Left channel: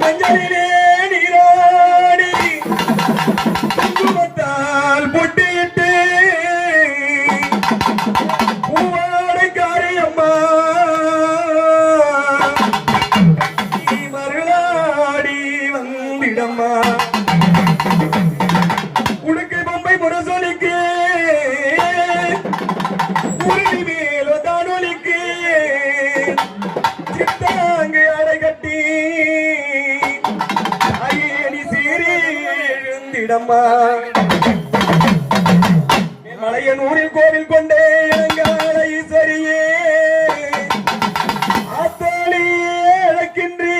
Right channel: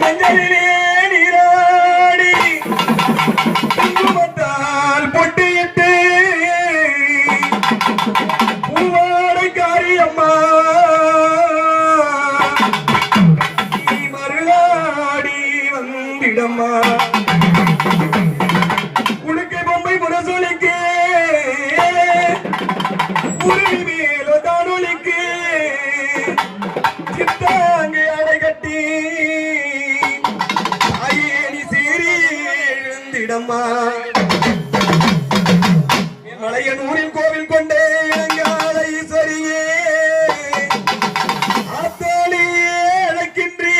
மஞ்சளிலே நீராடி குங்குமத்தால் பொட்டிட்டு பூவாடை காரியம்மா நீ மருளாடி வந்திடம்மா உடுக்கை பொம்மை முரசொலிக்கு குருவி மேல தானொலிக்கு சித்தாங்கு அடை கட்டி ஐயனி சீரி எழுந்திடம்மா மலையனூரில் கோவில் கொண்டே இளங்கால ஈஸ்வரியே ஆத்தோழியே அழைக்கின்றே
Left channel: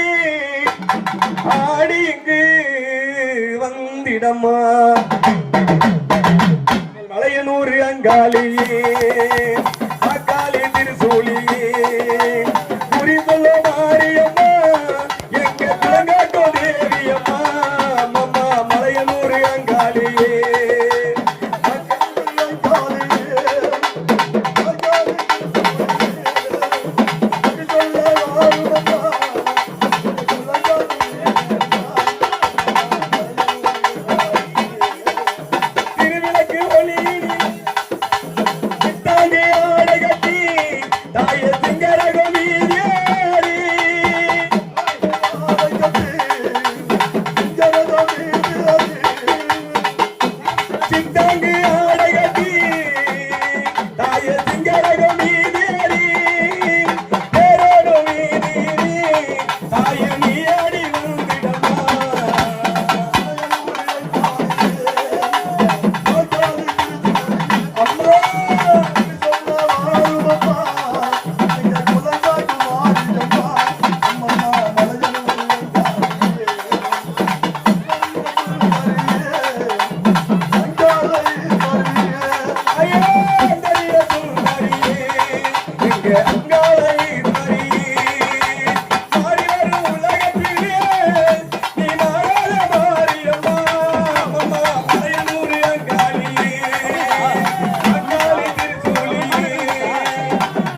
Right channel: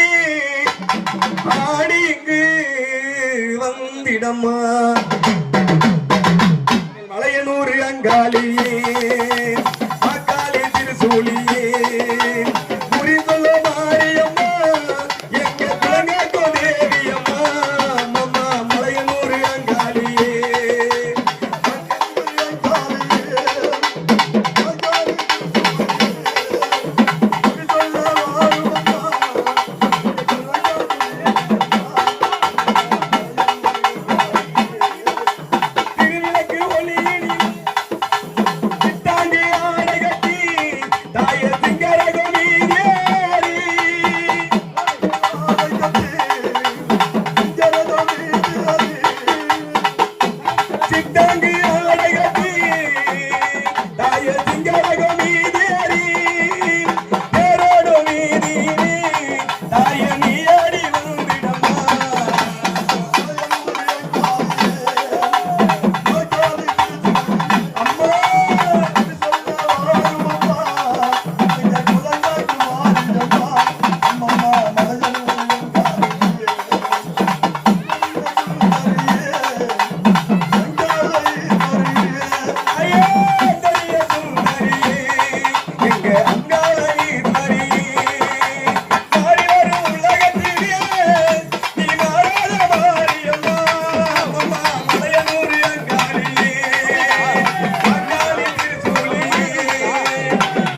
ஆடி இங்கு வந்திடம்மா மலையனூர் அங்காளியே அக்காளி திருசூலியே குறி சொல்ல